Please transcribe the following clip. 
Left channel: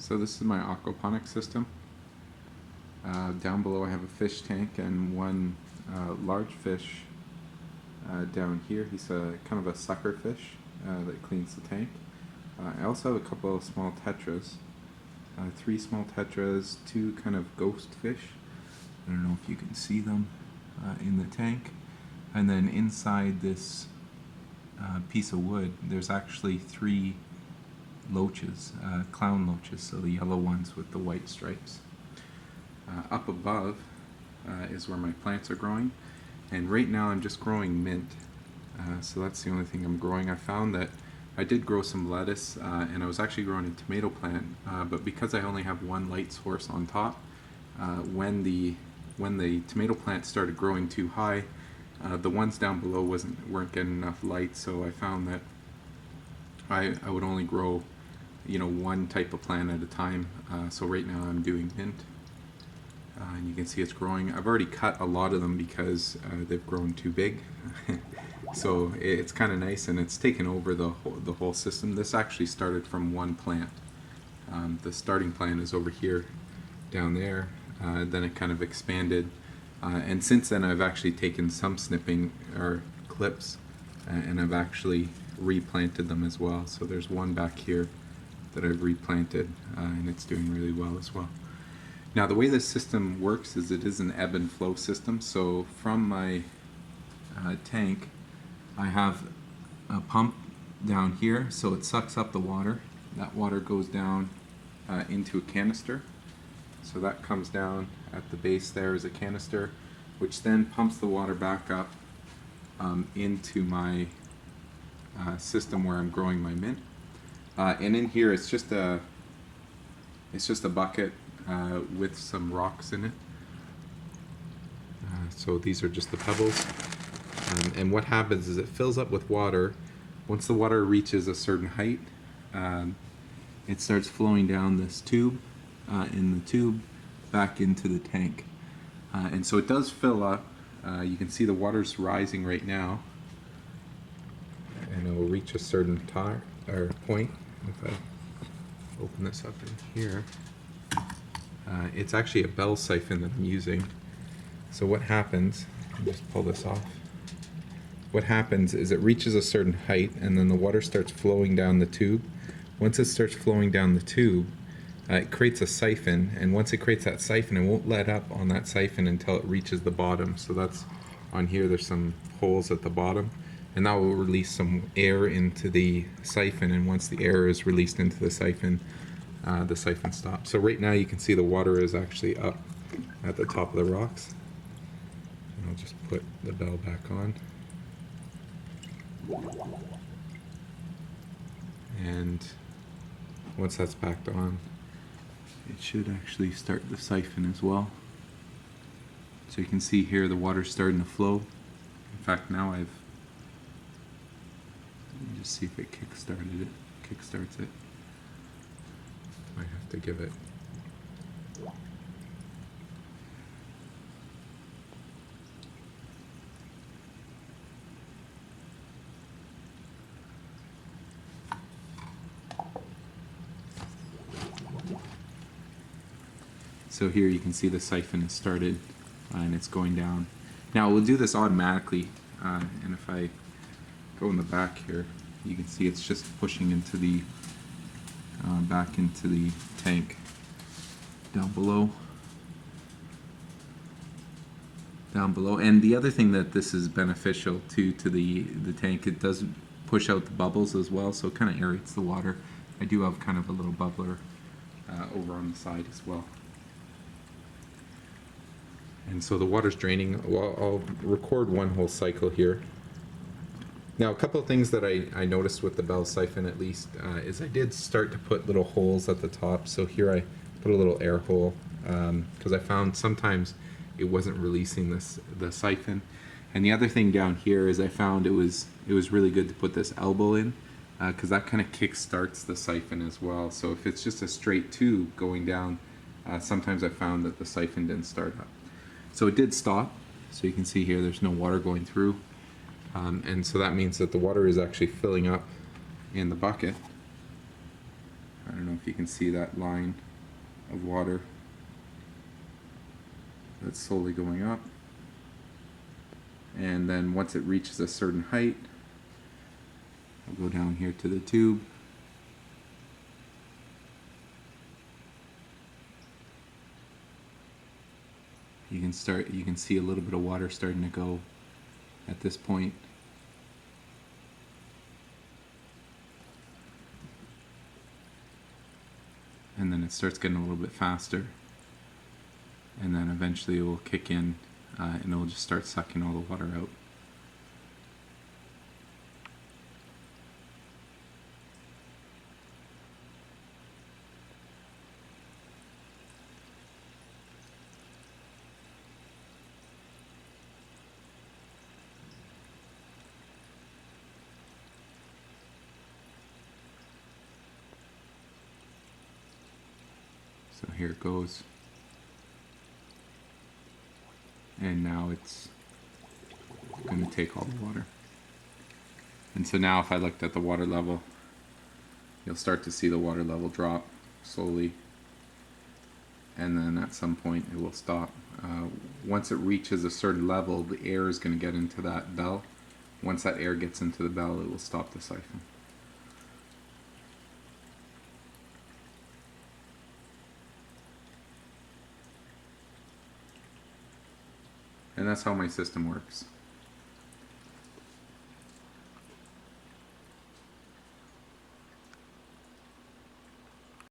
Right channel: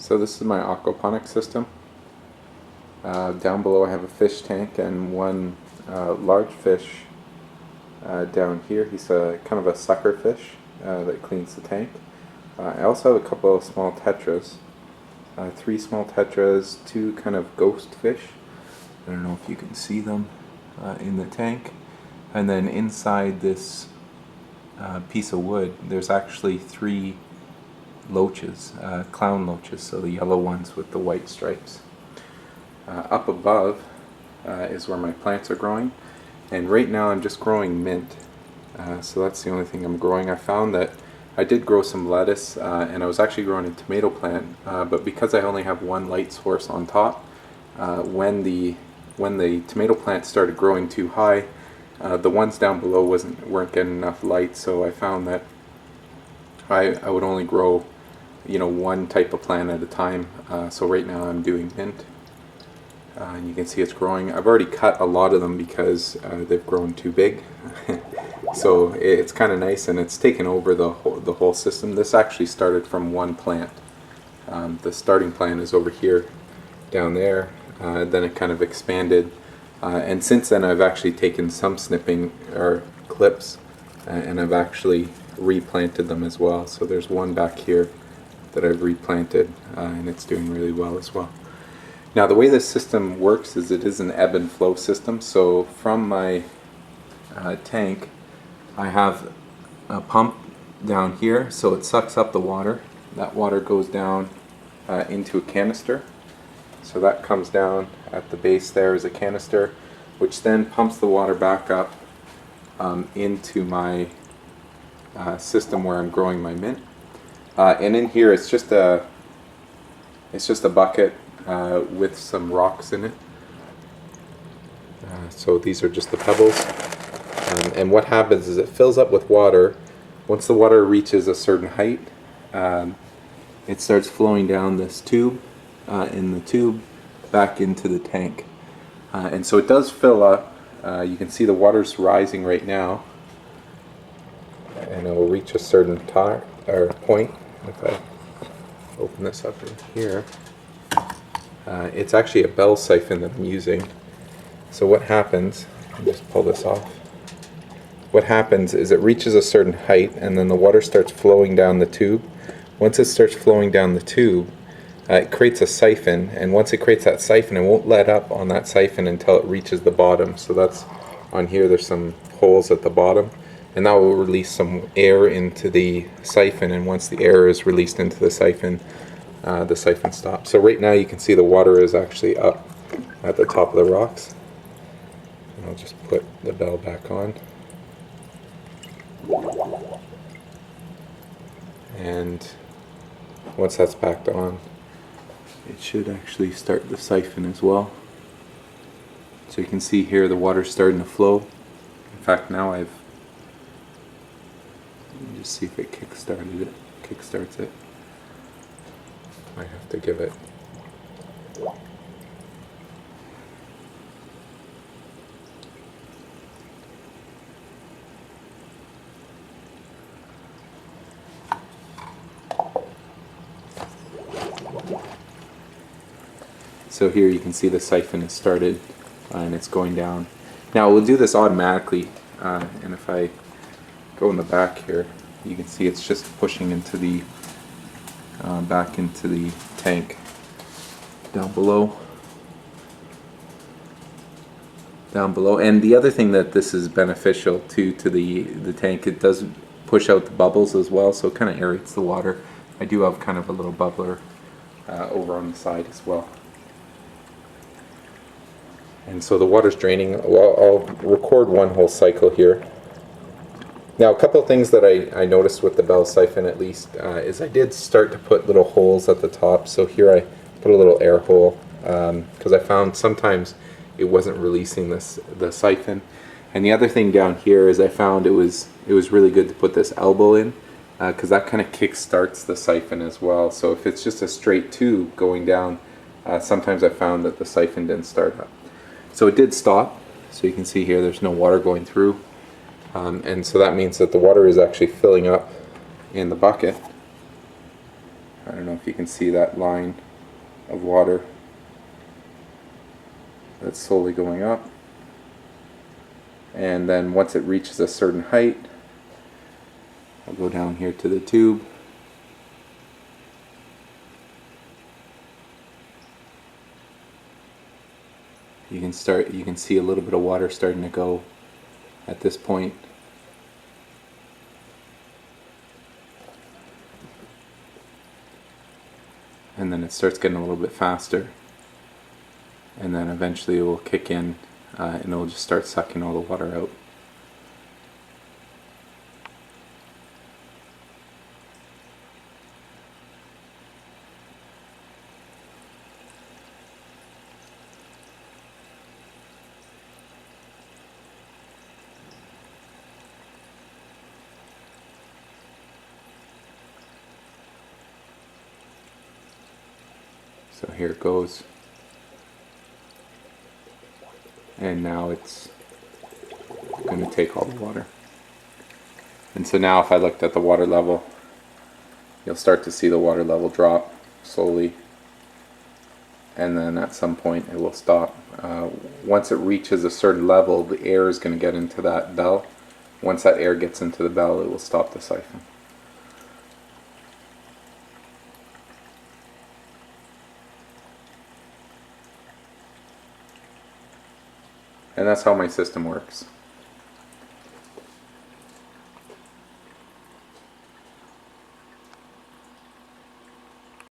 So this is my aquaponics system. Down below I have a fish tank and one large fish down here. He's a kind of a sucker fish that cleans the tank. I also have a couple of small tetras. 3 small tetras, 2 kind of ghost fish. I don't know if you can see them in the tank. And then inside this piece of wood there's actually 3 loaches, clown loaches, so the yellow ones with the white stripes. Up above is where my plants are growing, and right now I'm just growing mint, so that's the only thing I'm growing. I found that I did grow some lettuce and I was actually growing a tomato plant, but because I only have one light source on top, when the tomato plant started growing too high, the ones down below weren't getting enough light, so I found that I would only grow one type of plant at a time. So right now I'm doing mint, and you can see it's growing. I've already cut a lot of them because they've grown too big. So it's kind of nice, and it's taken over the whole system. This actually started from one plant. The starting plant is over here, down there. Then it kind of expanded, and since then I've actually taken some snipping or clips, and I've actually replanted them as well. So there's one back here that I've replanted, and it's doing really well as well. Now the way this system works is it is an ebb and flow system. So from my tank I have a pump down here, so it sucks up the water. That water goes down into a canister. So that comes down at the base. There is a canister which then pumps the water back up into my system where I'm growing my mint. And in here it's just a bucket with some rocks in it. So these are just the pebbles. And what happens is it fills up with water. Once the water reaches a certain height, it starts flowing down this tube, in the tube back into the tank. And so it does fill up. You can see the water's rising right now, and it will reach a certain point. If I open this up in here, it's actually a bell siphon that I'm using. So what happens, I'll just pull this off. What happens is it reaches a certain height, and then the water starts flowing down the tube. Once it starts flowing down the tube, it creates a siphon, and once it creates that siphon, it won't let up on that siphon until it reaches the bottom. So that's on here, there's some holes at the bottom, and that will release some air into the siphon, and once the air is released into the siphon stops. So right now you can see the water is actually up at the top of the rocks. And I'll just put the bell back on. And once that's backed on, it should actually start the siphon as well. So you can see here the water's starting to flow. In fact, now let me just see if it kickstarts it. I have to give it. So here you can see the siphon has started, and it's going down. Now we'll do this automatically, and if I go in the back here, you can see it's just pushing into the back into the tank down below. And the other thing that this is beneficial to the tank, it does push out the bubbles as well, so it kind of aerates the water. I do have kind of a little bubbler over on the side as well. And so the water's draining. Well, I'll record one whole cycle here. Now, a couple of things that I noticed with the bell siphon, at least, is I did start to put little holes at the top. So here I put a little air hole, because I found sometimes it wasn't releasing the siphon. And the other thing down here is I found it was really good to put this elbow in, because that kind of kick starts the siphon as well. So if it's just a straight tube going down, sometimes I found that the siphon didn't start up. So it did stop, so you can see here there's no water going through, and so that means that the water is actually filling up in the bucket. I don't know if you can see that line of water that's slowly going up. And then once it reaches a certain height, I'll go down here to the tube. You can see a little bit of water starting to go at this point. And then it starts getting a little bit faster. And then eventually it will kick in and it'll just start sucking all the water out. So here it goes. And now it's going to take all the water. And so now if I looked at the water level, you'll start to see the water level drop slowly. And then at some point it will stop. Once it reaches a certain level, the air is going to get into that bell. Once that air gets into the bell, it will stop the siphon. And that's how my system works.